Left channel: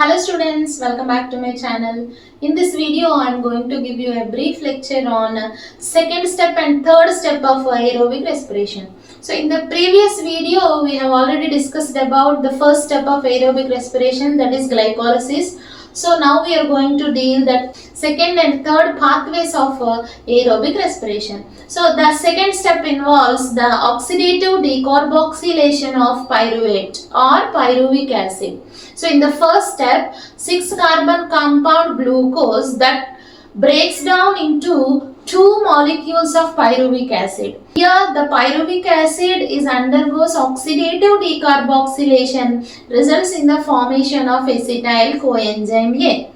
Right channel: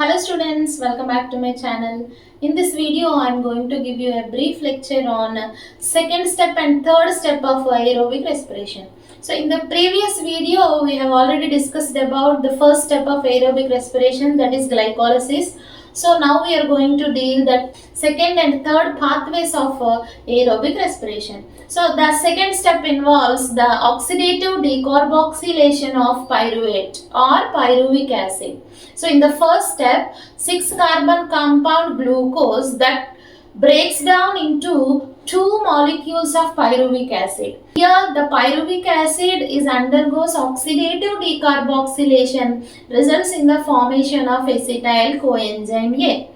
Hello students, welcome back to my channel. In this video, I am going to give you a brief lecture on second step and third step of aerobic respiration. So in the previous video, we have already discussed about the first step of aerobic respiration, that is glycolysis. So now we are going to deal that second and third pathways of aerobic respiration. So the second step involves the oxidative decarboxylation of pyruvate or pyruvic acid. So in the first step, 6-carbon compound glucose that breaks down into two molecules of pyruvic acid. Here the pyruvic acid undergoes oxidative decarboxylation, results in the formation of acetyl coenzyme A.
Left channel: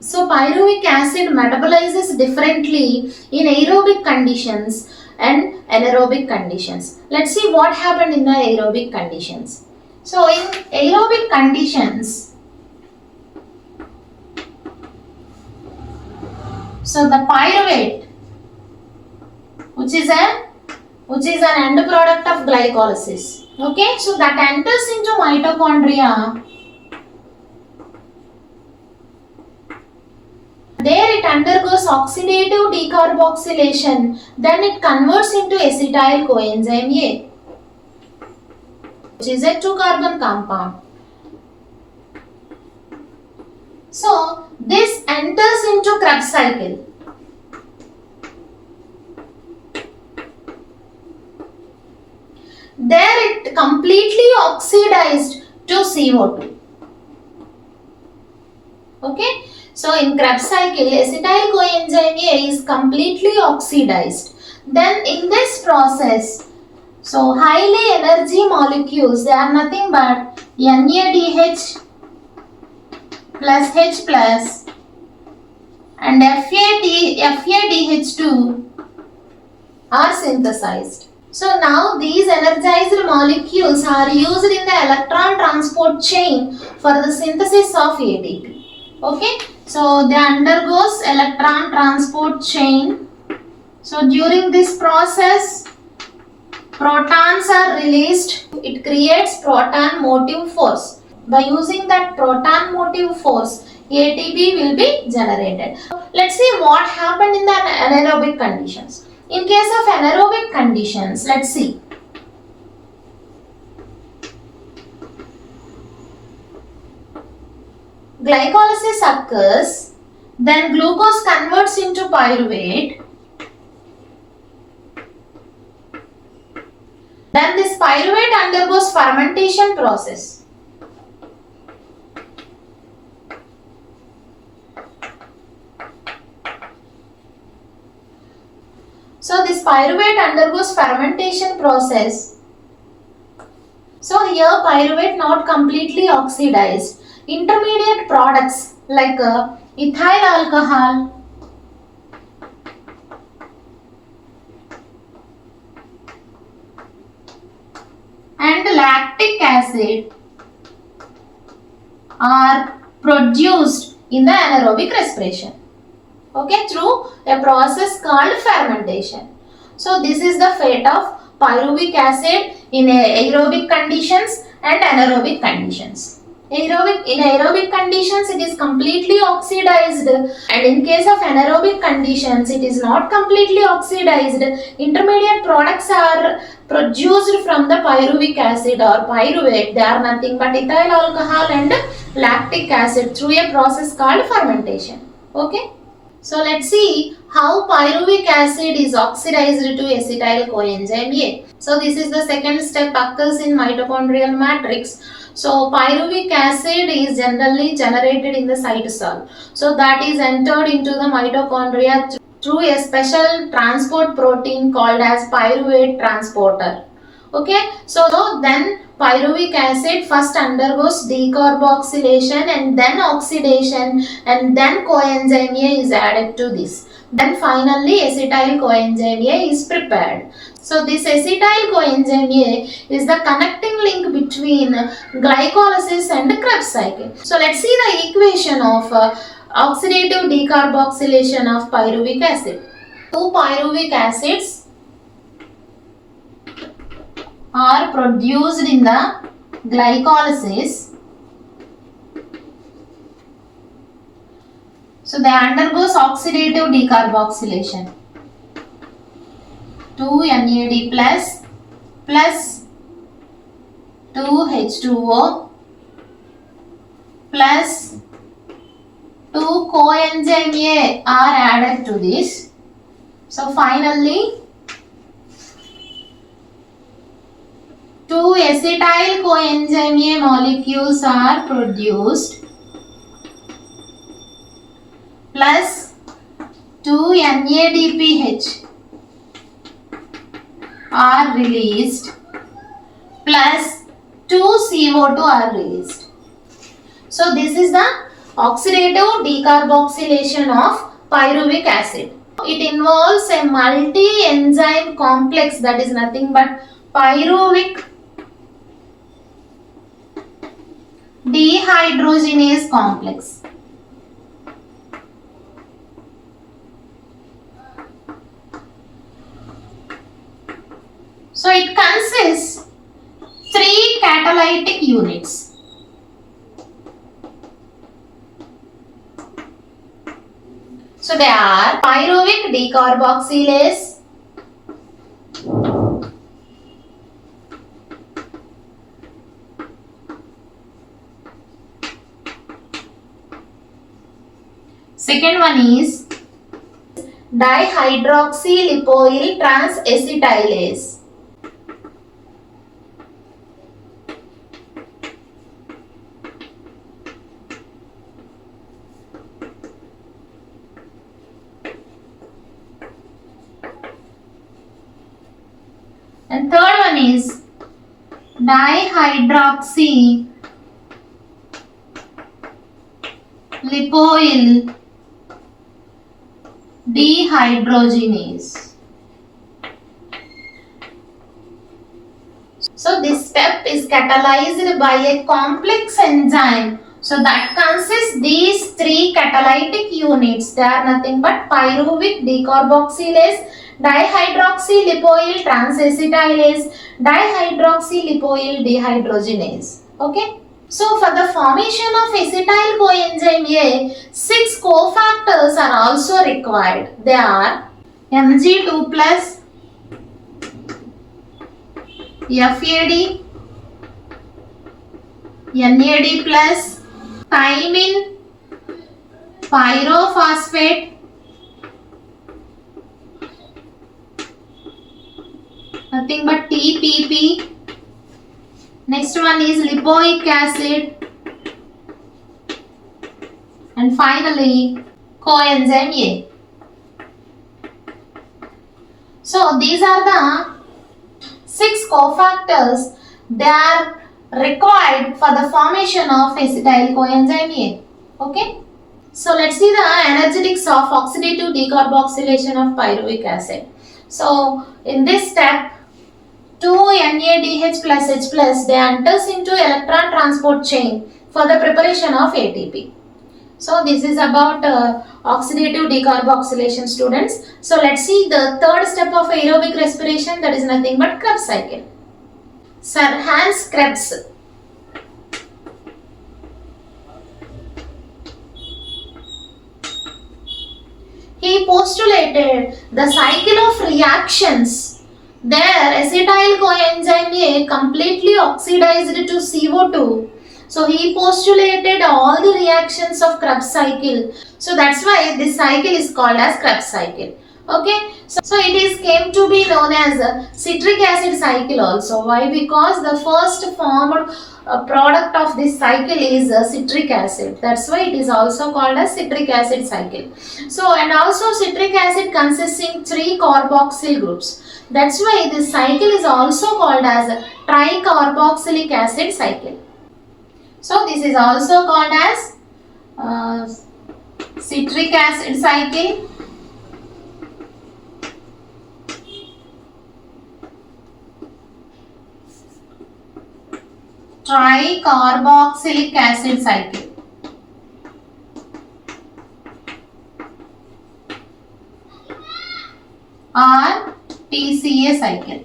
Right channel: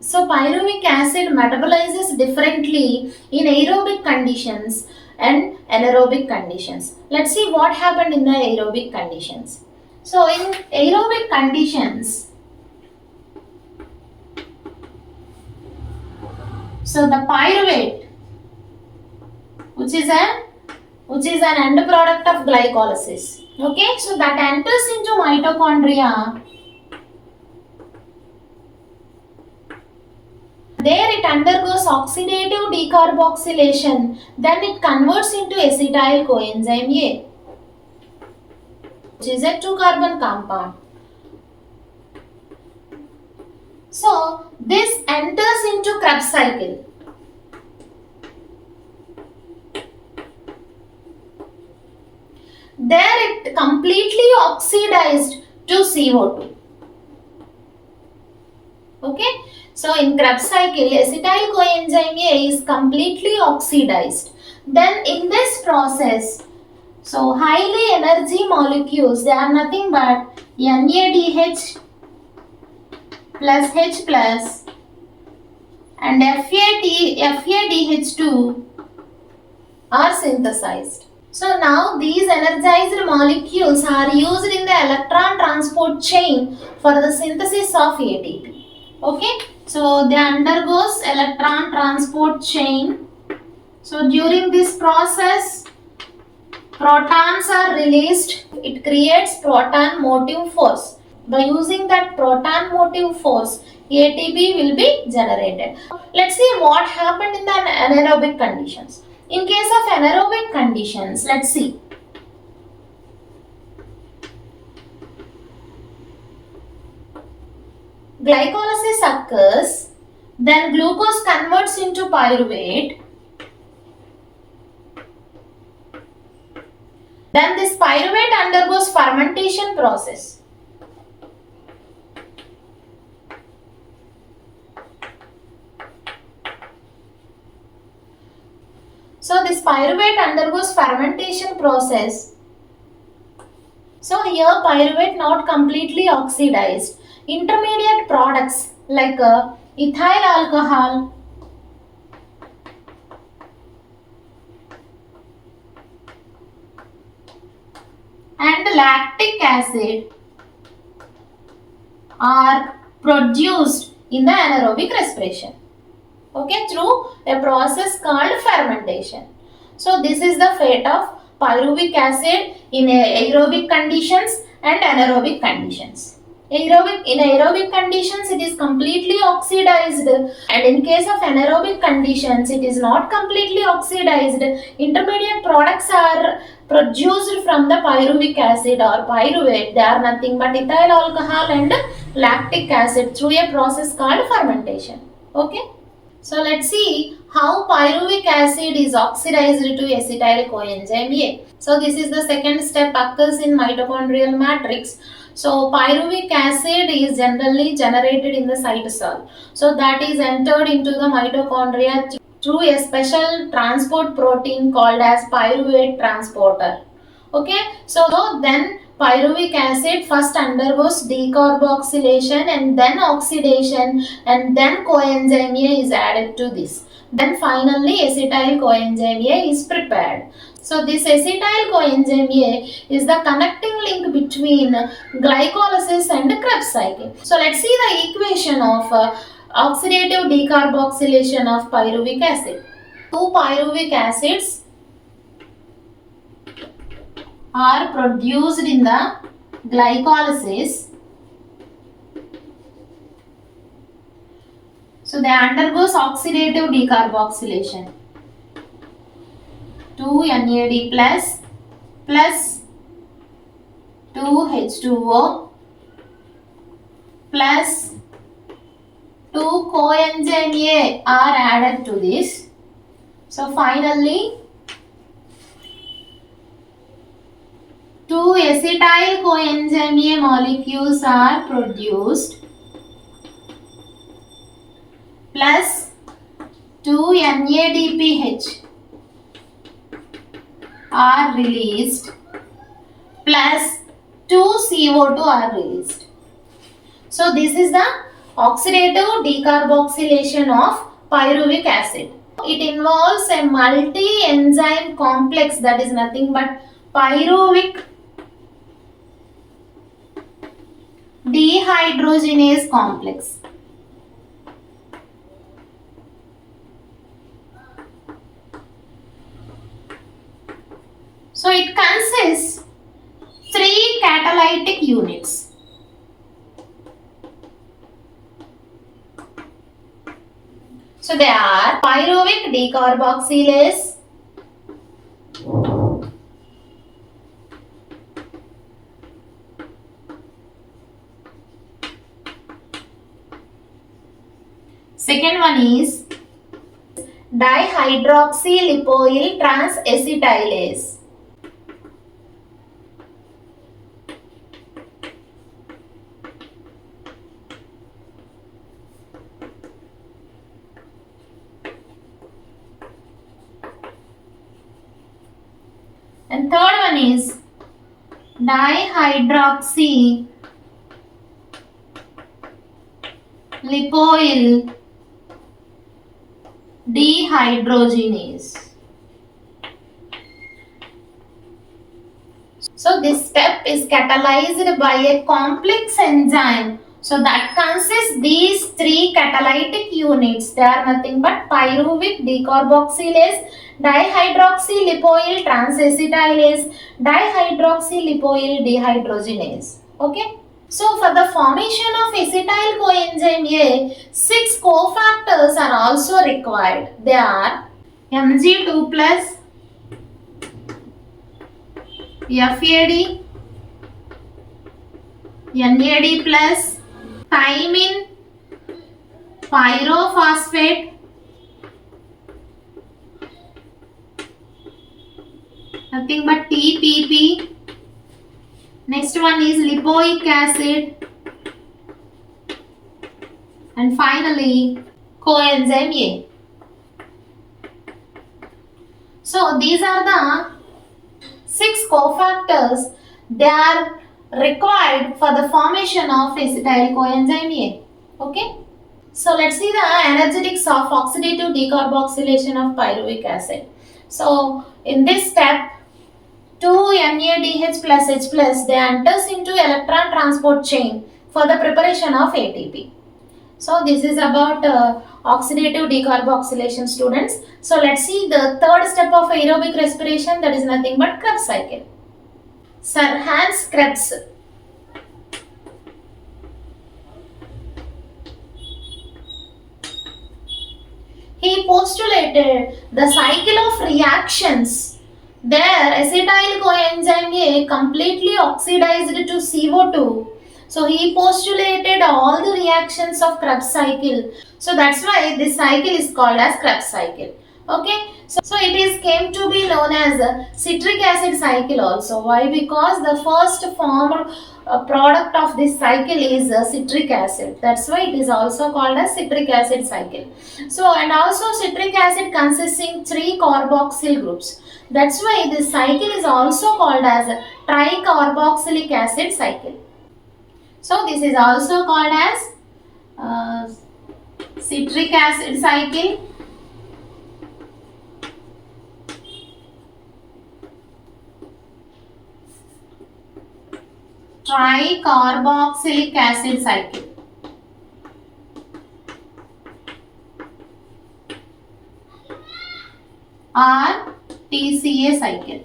So pyruvic acid metabolizes differently in aerobic conditions and anaerobic conditions. Let's see what happened in the aerobic conditions. So in aerobic conditions, so the pyruvate, which is an end product of glycolysis. Okay, so that enters into mitochondria. There it undergoes oxidative decarboxylation, then it converts into acetyl coenzyme A, which is a 2-carbon compound. So this enters into Krebs cycle. There it completely oxidized to CO2. Okay. So in Krebs cycle, acetyl coenzyme A is completely oxidized. Then in this process, so highly energy molecules, they are nothing but NADH plus H plus and FADH2 are synthesized. So now these energized molecules are used in the electron transport chain for the synthesis of ATP. Okay, so they undergoes electron transport chain. So during this process, protons are released. It creates proton motive force. By using that proton motive force, ATP will be generated. Let's see what happened in the anaerobic conditions. In case of anaerobic conditions, let's see. Glycolysis occurs, then glucose converts into pyruvate. Then this pyruvate undergoes fermentation process. So this pyruvate undergoes fermentation process. So here pyruvate not completely oxidized. Intermediate products like ethyl alcohol and lactic acid are produced in the anaerobic respiration. Okay, through a process called fermentation. So this is the fate of pyruvic acid in aerobic conditions and anaerobic conditions. In aerobic conditions, it is completely oxidized, and in case of anaerobic conditions, it is not completely oxidized. Intermediate products are produced from the pyruvic acid or pyruvate. They are nothing but ethyl alcohol and lactic acid through a process called fermentation. Okay. So let's see how pyruvic acid is oxidized to acetyl coenzyme A. So this is the second step occurs in mitochondrial matrix. So pyruvic acid is generally generated in the cytosol. So that is entered into the mitochondria through a special transport protein called as pyruvate transporter. Okay, so then pyruvic acid first undergoes decarboxylation and then oxidation, and then coenzyme A is added to this. Then finally acetyl coenzyme A is prepared. So this acetyl coenzyme A is the connecting link between glycolysis and Krebs cycle. So let's see the equation of oxidative decarboxylation of pyruvic acid. Two pyruvic acids are produced in the glycolysis So they undergoes oxidative decarboxylation. 2 NAD plus 2 H2O plus 2 coenzyme A are added to this. So finally 2 acetyl coenzyme A molecules are produced plus 2 NADPH are released plus 2 CO2 are released. So this is the oxidative decarboxylation of pyruvic acid. It involves a multi-enzyme complex that is nothing but pyruvic dehydrogenase complex. So it consists 3 catalytic units. So they are pyruvic decarboxylase, second one is dihydroxylipoyl transacetylase. And third one is dihydroxylipoyl dehydrogenase. So this step is catalyzed by a complex enzyme. So that consists these 3 catalytic units. They are nothing but pyruvic decarboxylase, dihydroxylipoyl transacetylase, dihydroxylipoyl dehydrogenase. Okay. So for the formation of acetyl coenzyme A, 6 cofactors are also required. They are Mg2+, FAD, NAD+, thymine, pyrophosphate, nothing but TPP. Next one is lipoic acid, and finally coenzyme A. So these are the 6 cofactors. They are required for the formation of acetyl coenzyme A. Okay. So let's see the energetics of oxidative decarboxylation of pyruvic acid. So in this step, 2 NADH plus H plus, they enters into electron transport chain for the preparation of ATP. So this is about oxidative decarboxylation, students. So let's see the third step of aerobic respiration, that is nothing but Krebs cycle. Sir Hans Krebs. He postulated the cycle of reactions. There, acetyl coenzyme A completely oxidized to CO2. So he postulated all the reactions of Krebs cycle. So that's why this cycle is called as Krebs cycle. Okay. So it is came to be known as a citric acid cycle also. Why? Because the first formed product of this cycle is citric acid. That's why it is also called as citric acid cycle. So and also citric acid consisting 3 carboxyl groups. That's why this cycle is also called as a tricarboxylic acid cycle. So this is also called as citric acid cycle, tricarboxylic acid cycle, or TCA cycle.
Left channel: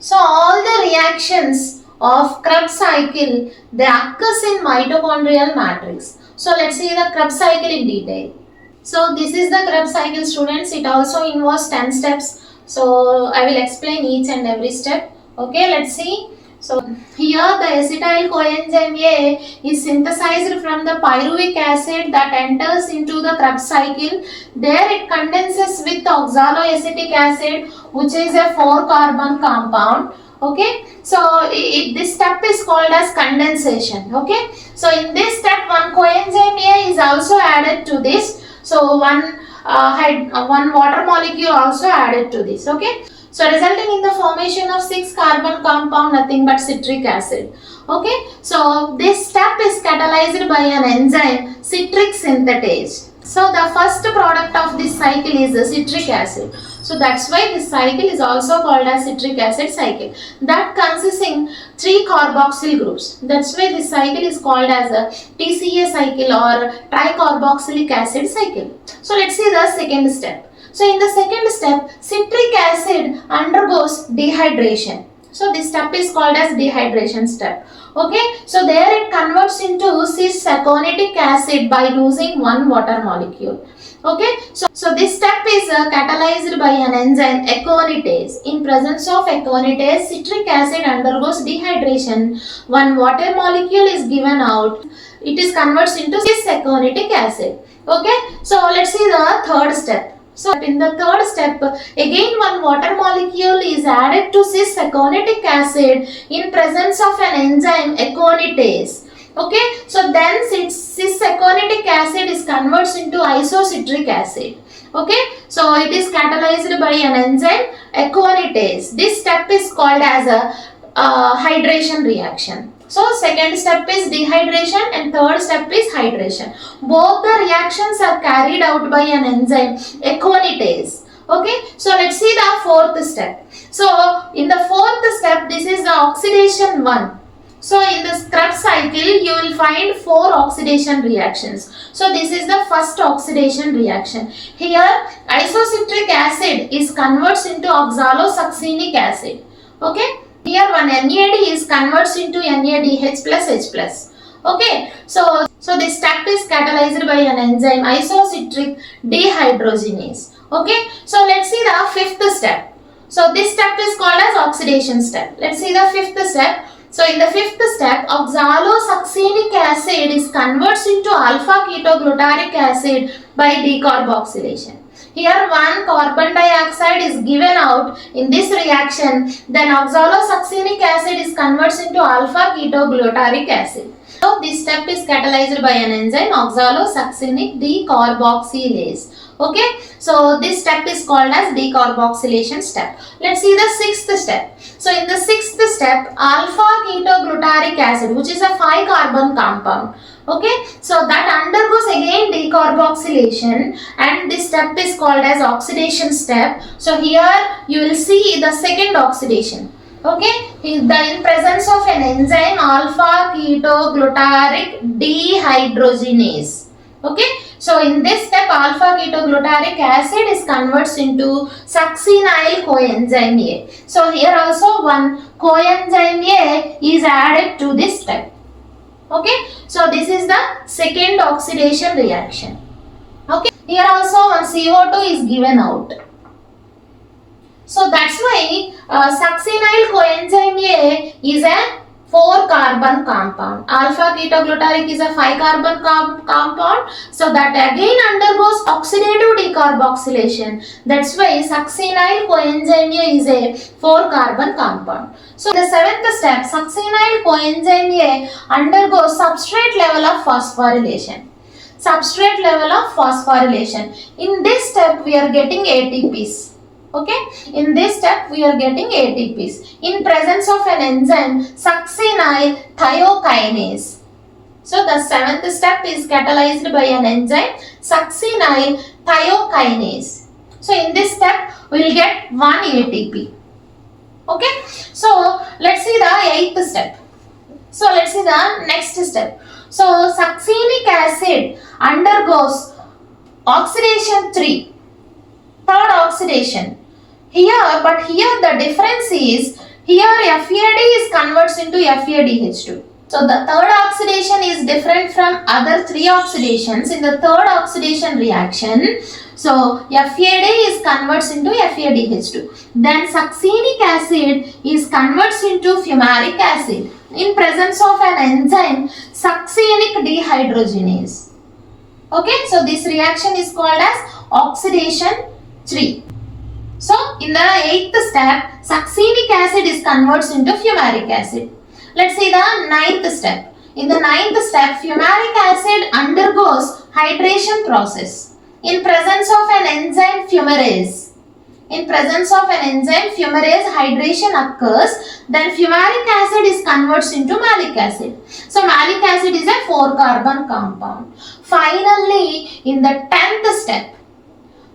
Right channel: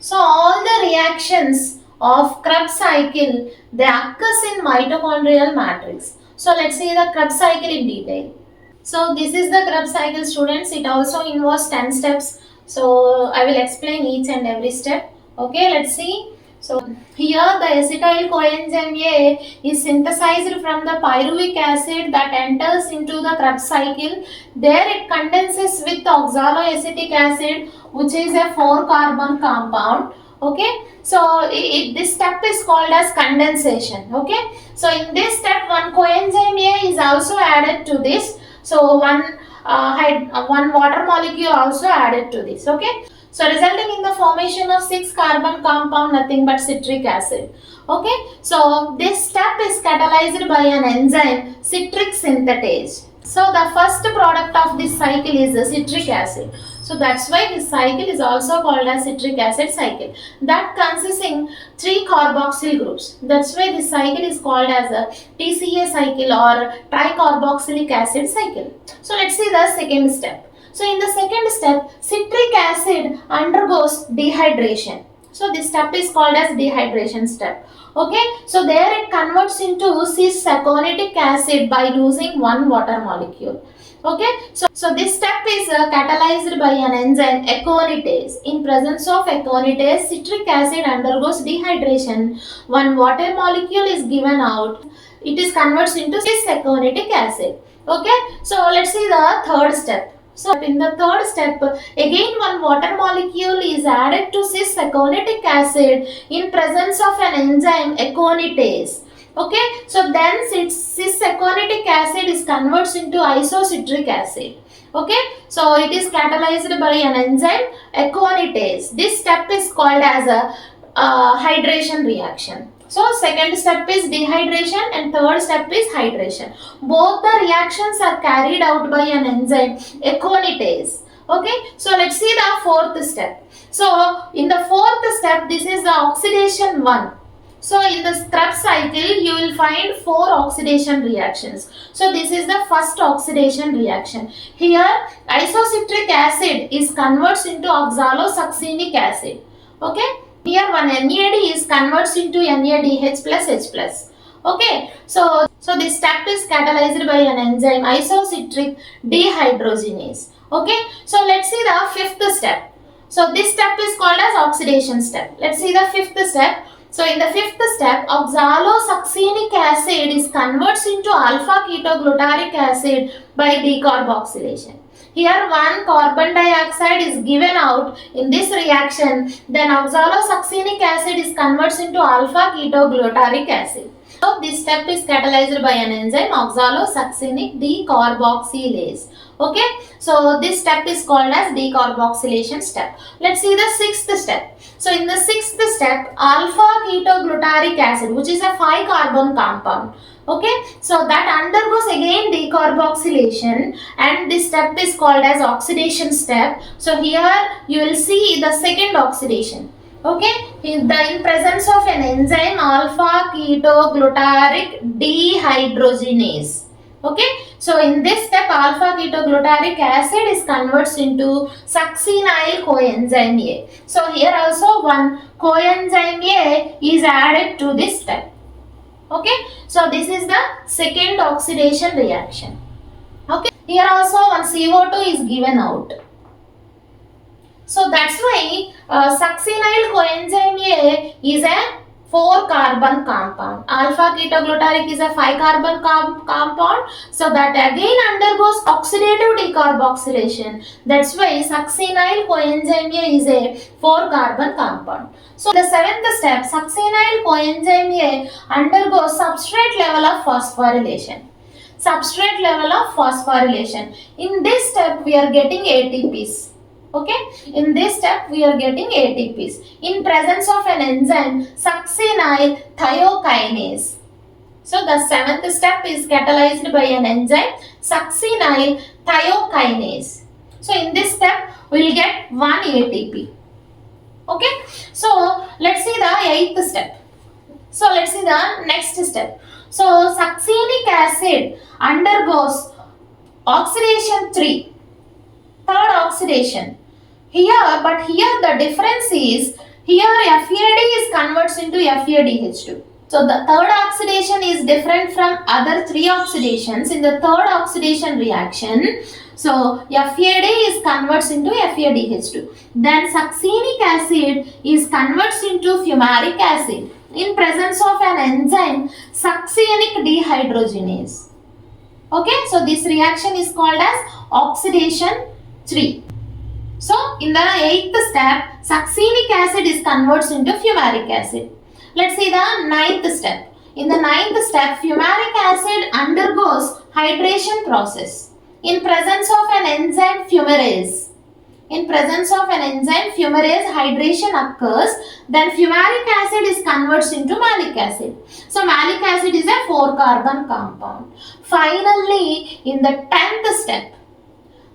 So all the reactions of Krebs cycle, they occurs in mitochondrial matrix. So let's see the Krebs cycle in detail. So this is the Krebs cycle, students. It also involves 10 steps. So I will explain each and every step. Okay, let's see. So here the acetyl coenzyme A is synthesized from the pyruvic acid that enters into the Krebs cycle. There it condenses with oxaloacetic acid, which is a 4-carbon compound. Okay, so this step is called as condensation. Okay, so in this step one coenzyme A is also added to this. So one water molecule also added to this. Okay, so resulting in the formation of 6-carbon compound, nothing but citric acid. Okay, so this step is catalyzed by an enzyme, citric synthetase. So the first product of this cycle is the citric acid. So that's why this cycle is also called as citric acid cycle. That consisting 3 carboxyl groups. That's why this cycle is called as a TCA cycle or tricarboxylic acid cycle. So let's see the second step. So in the second step, citric acid undergoes dehydration. So this step is called as dehydration step. Okay, so there it converts into cis-aconitic acid by losing one water molecule. Okay, so this step is catalyzed by an enzyme aconitase. In presence of aconitase, citric acid undergoes dehydration. One water molecule is given out. It is converts into cis-aconic acid. Okay, so let's see the third step. So in the third step, again one water molecule is added to cis-aconic acid in presence of an enzyme aconitase. Okay, so then cis-aconic acid is converts into isocitric acid. Okay, so it is catalyzed by an enzyme aconitase. This step is called as a hydration reaction. So second step is dehydration and third step is hydration. Both the reactions are carried out by an enzyme aconitase. Okay, so let's see the fourth step. So in the fourth step, this is the oxidation 1. So in the Krebs cycle, you will find 4 oxidation reactions. So this is the first oxidation reaction. Here isocitric acid is converts into oxalosuccinic acid. Okay. Here one NAD is converts into NADH plus H plus. Okay, so this step is catalyzed by an enzyme isocitric dehydrogenase. Okay, so let's see the fifth step. So this step is called as oxidation step. Let's see the fifth step. So in the fifth step, oxalosuccinic acid is converts into alpha ketoglutaric acid by decarboxylation. Here one carbon dioxide is given out in this reaction, then oxalosuccinic acid is converts into alpha ketoglutaric acid. So this step is catalyzed by an enzyme oxalosuccinic decarboxylase. Okay, so this step is called as decarboxylation step. Let's see the sixth step. So in the sixth step, alpha ketoglutaric acid, which is a 5-carbon compound. Okay, so that undergoes again decarboxylation and this step is called as oxidation step. So here you will see the second oxidation. Okay, in presence of an enzyme alpha ketoglutaric dehydrogenase. Okay, so in this step alpha ketoglutaric acid is converts into succinyl coenzyme A. So here also one coenzyme A is added to this step. Okay, so this is the second oxidation reaction. Okay, here also one CO2 is given out. So that's why succinyl coenzyme A is a 4-carbon compound. Alpha ketoglutaric is a 5-carbon compound. So that again undergoes oxidative decarboxylation. That's why succinyl coenzyme A is a 4-carbon compound. So the seventh step, succinyl coenzyme A undergoes substrate level of phosphorylation. Substrate level of phosphorylation. In this step we are getting ATPs. Okay, in this step we are getting ATPs in presence of an enzyme succinyl thiokinase. So the seventh step is catalyzed by an enzyme succinyl thiokinase. So in this step we will get 1 ATP. Okay, so let's see the eighth step. So let's see the next step. So succinic acid undergoes oxidation 3, third oxidation. Here the difference is Here FAD is converts into FADH2. So the third oxidation is different from other three oxidations. In the third oxidation reaction, so FAD is converts into FADH2. Then succinic acid is converts into fumaric acid in presence of an enzyme succinic dehydrogenase. Okay, so this reaction is called as oxidation 3. So in the 8th step, succinic acid is converts into fumaric acid. Let's see the 9th step. In the 9th step, fumaric acid undergoes hydration process in presence of an enzyme fumarase. In presence of an enzyme fumarase, hydration occurs. Then fumaric acid is converts into malic acid. So malic acid is a 4-carbon compound. Finally, in the 10th step,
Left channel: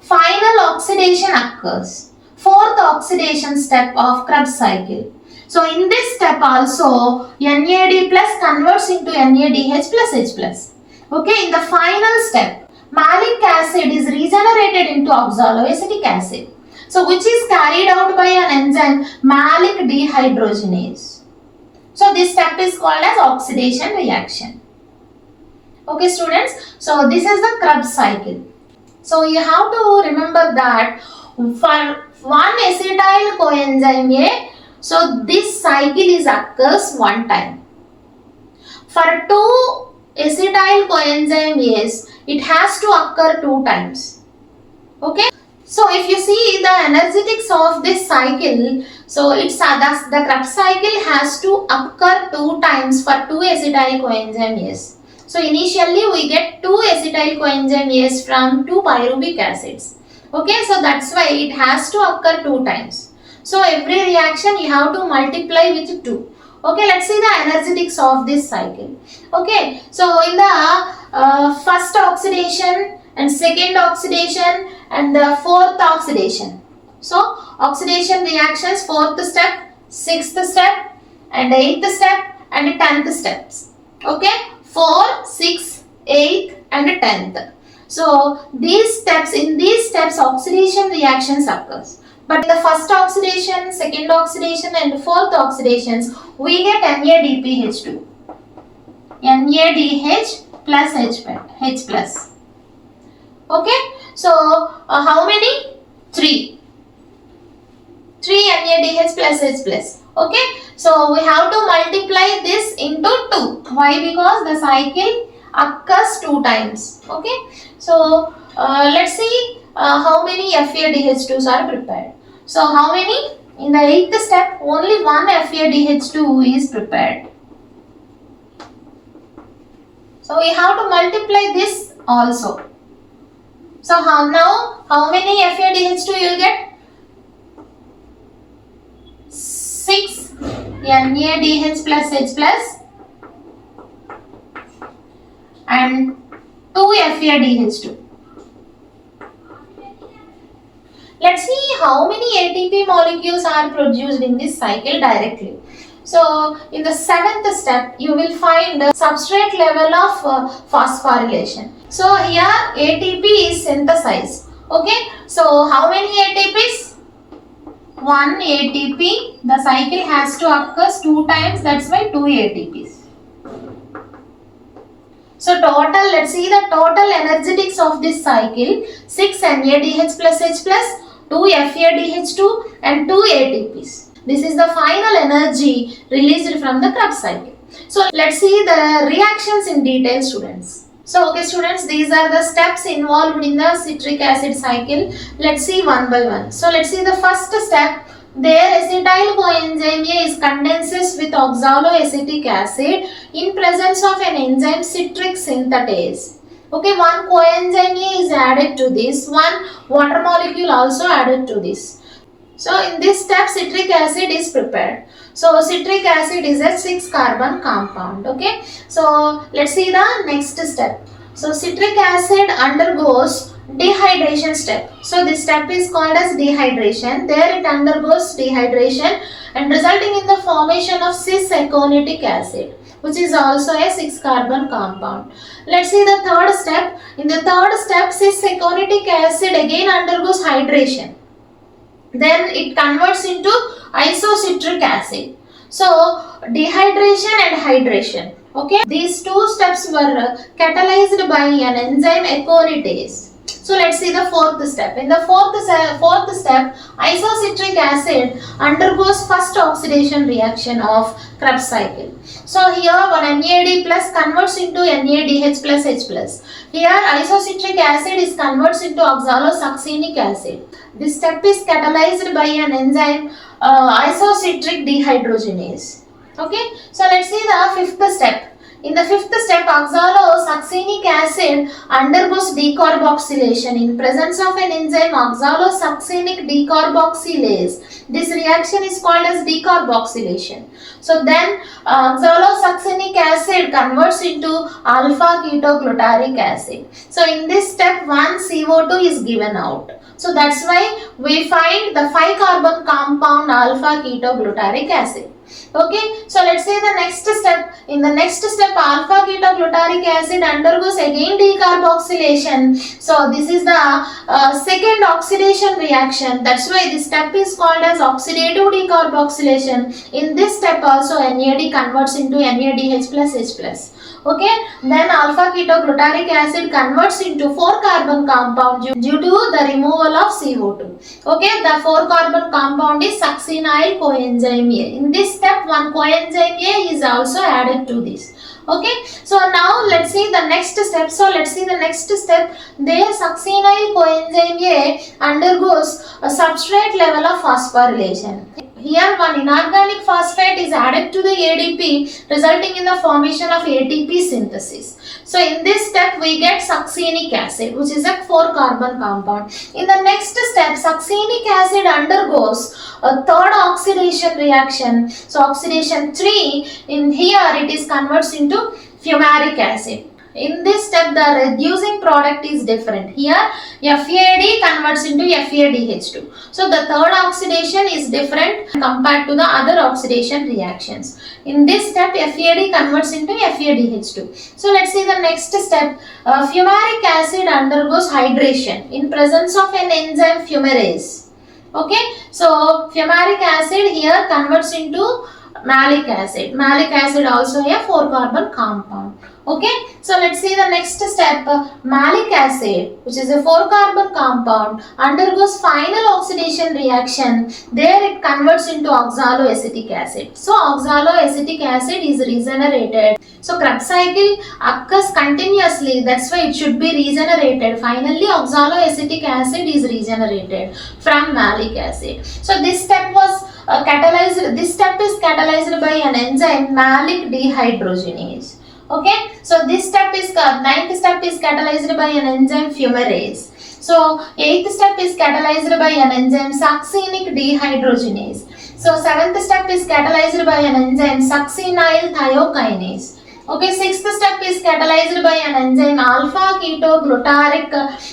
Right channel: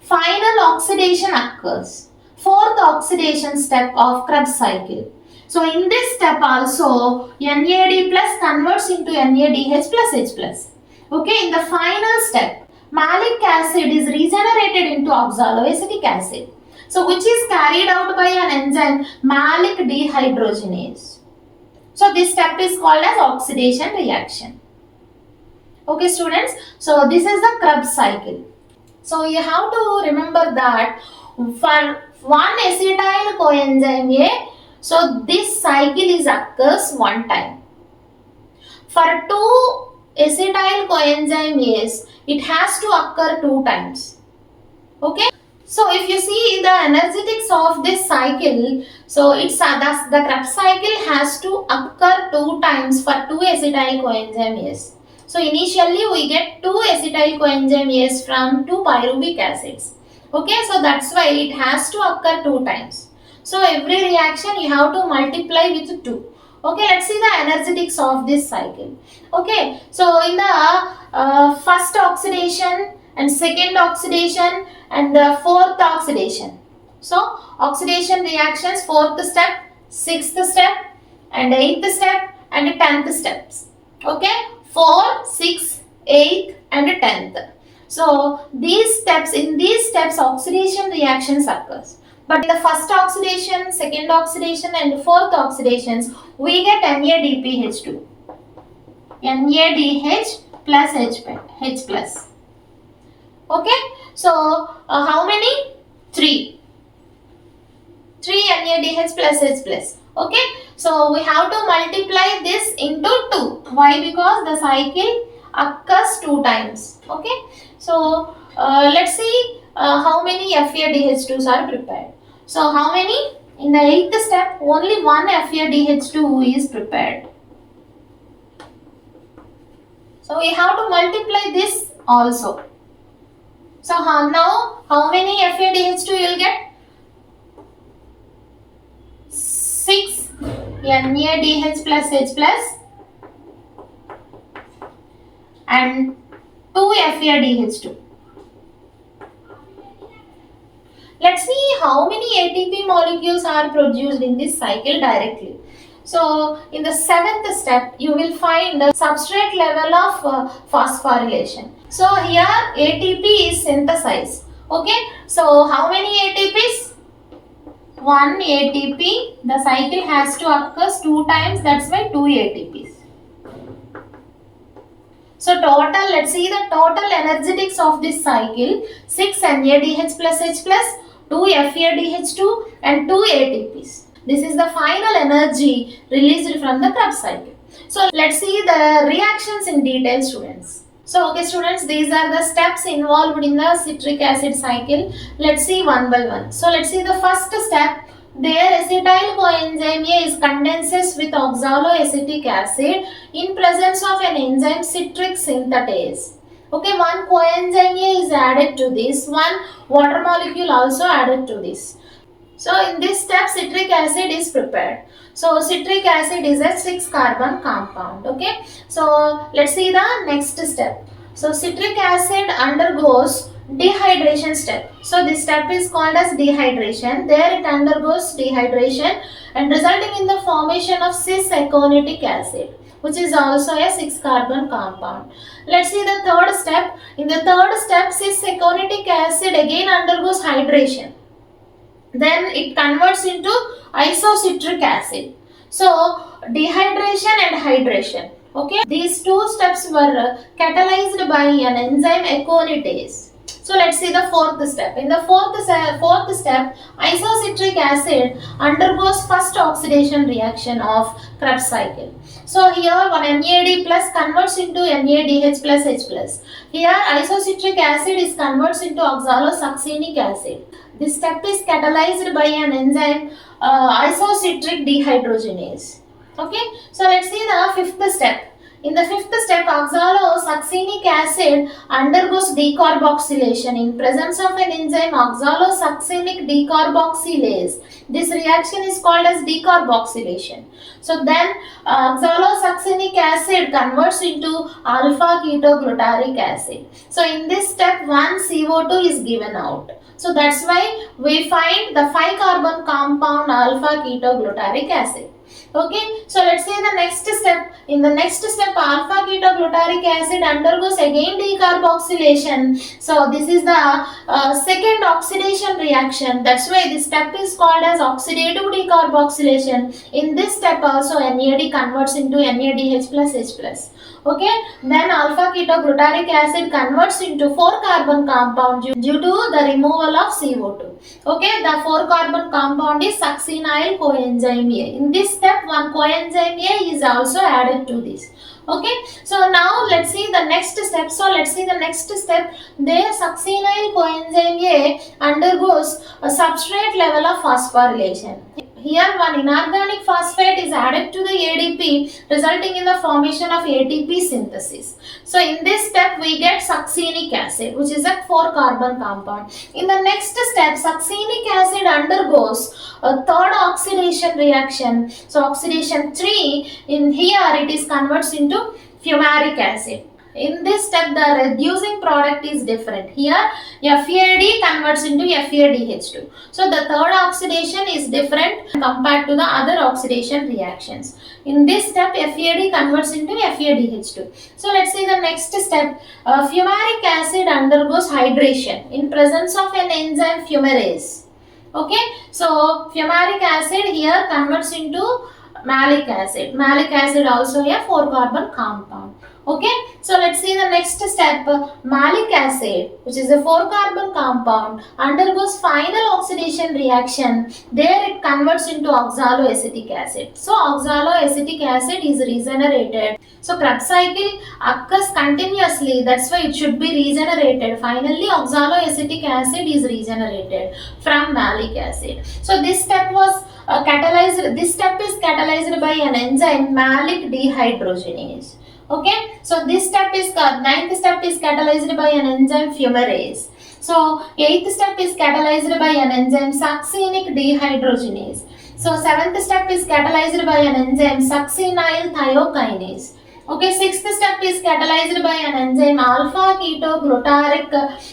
final oxidation occurs. 4th oxidation step of Krebs cycle. So in this step also, NAD plus converts into NADH plus H plus. Okay, in the final step, malic acid is regenerated into oxaloacetic acid. So which is carried out by an enzyme malic dehydrogenase. So this step is called as oxidation reaction. Okay students, so this is the Krebs cycle. So you have to remember that for one acetyl coenzyme A, so this cycle is occurs one time. For two acetyl coenzyme A's, it has to occur 2 times. Okay. So if you see the energetics of this cycle, so it's the Krebs cycle has to occur 2 times for 2 acetyl coenzyme A's. So initially we get 2 acetyl coenzyme A's from 2 pyruvic acids. Okay, so that's why it has to occur 2 times. So every reaction you have to multiply with 2. Okay, let's see the energetics of this cycle. Okay, so in the first oxidation and second oxidation and the fourth oxidation. So oxidation reactions 4th step, 6th step and 8th step and 10th steps. Okay, 4, 6, 8 and 10th. So these steps, in these steps oxidation reactions occurs. But in the first oxidation, second oxidation and fourth oxidations, we get NADPH2. NADH plus H plus. Okay, so how many? 3. 3 NADH plus H plus. Okay, so we have to multiply this into 2. Why? Because the cycle occurs 2 times. Okay, so let's see how many FADH2s are prepared. So how many? In the 8th step, only one FADH2 is prepared. So we have to multiply this also. So how many FADH2 you will get? 6 NADH plus H plus and 2 FADH2. Let's see how many ATP molecules are produced in this cycle directly. So in the 7th step, you will find the substrate level of phosphorylation. So here ATP is synthesized. Okay, so how many ATPs? 1 ATP. The cycle has to occur 2 times, that's why 2 ATPs. So total, let's see the total energetics of this cycle. 6 NADH plus H plus, 2 FADH2 and 2 ATPs. This is the final energy released from the Krebs cycle. So let's see the reactions in detail, students. So okay students, these are the steps involved in the citric acid cycle. Let's see one by one. So let's see the first step. There acetyl coenzyme A is condenses with oxaloacetic acid in presence of an enzyme citric synthetase. Okay, one coenzyme A is added to this, one water molecule also added to this. So in this step citric acid is prepared. So citric acid is a 6-carbon compound. Okay, so let's see the next step. So citric acid undergoes dehydration step. So this step is called as dehydration. There it undergoes dehydration and resulting in the formation of cis-aconitic acid, which is also a 6-carbon compound. Let's see the third step. In the third step, cis-aconitic acid again undergoes hydration. then it converts into isocitric acid. So dehydration and hydration. Okay, these two steps were catalyzed by an enzyme aconitase. So let's see the fourth step. In the fourth step, isocitric acid undergoes first oxidation reaction of Krebs cycle. So here one NAD plus converts into NADH plus H plus. Here isocitric acid is converts into oxalosuccinic acid. This step is catalyzed by an enzyme isocitric dehydrogenase. Okay, so let's see the fifth step. In the fifth step, oxalosuccinic acid undergoes decarboxylation in presence of an enzyme oxalosuccinic decarboxylase. This reaction is called as decarboxylation. So then oxalosuccinic acid converts into alpha ketoglutaric acid. So in this step, one CO2 is given out. So that's why we find the 5-carbon compound alpha ketoglutaric acid. Okay, so let's say the next step. In the next step, alpha ketoglutaric acid undergoes again decarboxylation. So this is the second oxidation reaction. That's why this step is called as oxidative decarboxylation. In this step also NAD converts into NADH plus H plus. Okay, then alpha ketoglutaric acid converts into 4-carbon compound due to the removal of CO2. Okay, the 4-carbon compound is succinyl coenzyme A. In this step, one coenzyme A is also added to this. Okay, so now let's see the next step. There succinyl coenzyme A undergoes a substrate level of phosphorylation. Here one inorganic phosphate is added to the ADP, resulting in the formation of ATP synthesis. So in this step we get succinic acid, which is a 4-carbon compound. In the next step, succinic acid undergoes a third oxidation reaction. So oxidation 3, in here it is converts into fumaric acid. In this step, the reducing product is different. Here, FAD converts into FADH2. So, the third oxidation is different compared to the other oxidation reactions. In this step, FAD converts into FADH2. So, let's see the next step. Fumaric acid undergoes hydration in presence of an enzyme fumarase. Okay, so fumaric acid here converts into malic acid. Malic acid also a 4-carbon compound. Okay, so let's see the next step. Malic acid, which is a 4-carbon compound, undergoes final oxidation reaction. There it converts into oxaloacetic acid. So oxaloacetic acid is regenerated. So Krebs cycle occurs continuously. That's why it should be regenerated. Finally, oxaloacetic acid is regenerated from malic acid. So this step was catalyzed. This step is catalyzed by an enzyme malic dehydrogenase. Okay, so this step is ninth step is catalyzed by an enzyme fumarase. So 8th step is catalyzed by an enzyme succinic dehydrogenase. So 7th step is catalyzed by an enzyme succinyl thiokinase. Okay, 6th step is catalyzed by an enzyme alpha ketoglutaric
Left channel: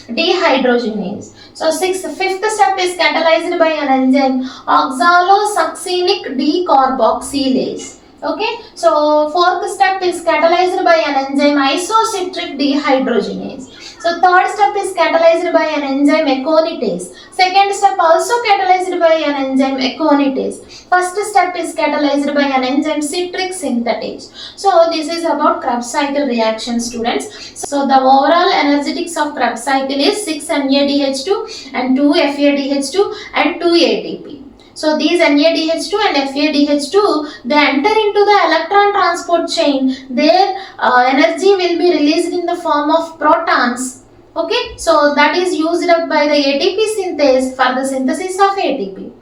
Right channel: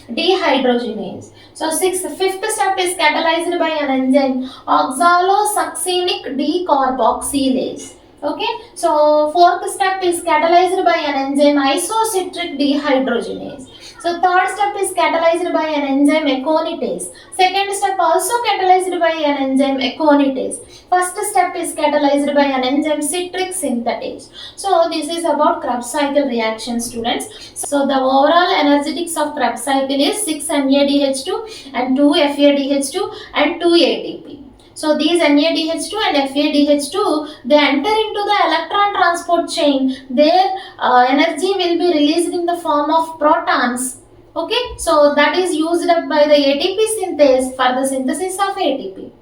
dehydrogenase. So 5th step is catalyzed by an enzyme oxalosuccinic decarboxylase. Okay, so 4th step is catalyzed by an enzyme isocitric dehydrogenase. So 3rd step is catalyzed by an enzyme aconitase. 2nd step also catalyzed by an enzyme aconitase. 1st step is catalyzed by an enzyme citric synthetase. So this is about Krebs cycle reaction, students. So the overall energetics of Krebs cycle is 6 NADH2 and 2 FADH2 and 2 ATP. So these NADH2 and FADH2, they enter into the electron transport chain. Their energy will be released in the form of protons. Okay, so that is used up by the ATP synthase for the synthesis of ATP.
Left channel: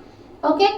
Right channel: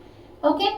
Okay,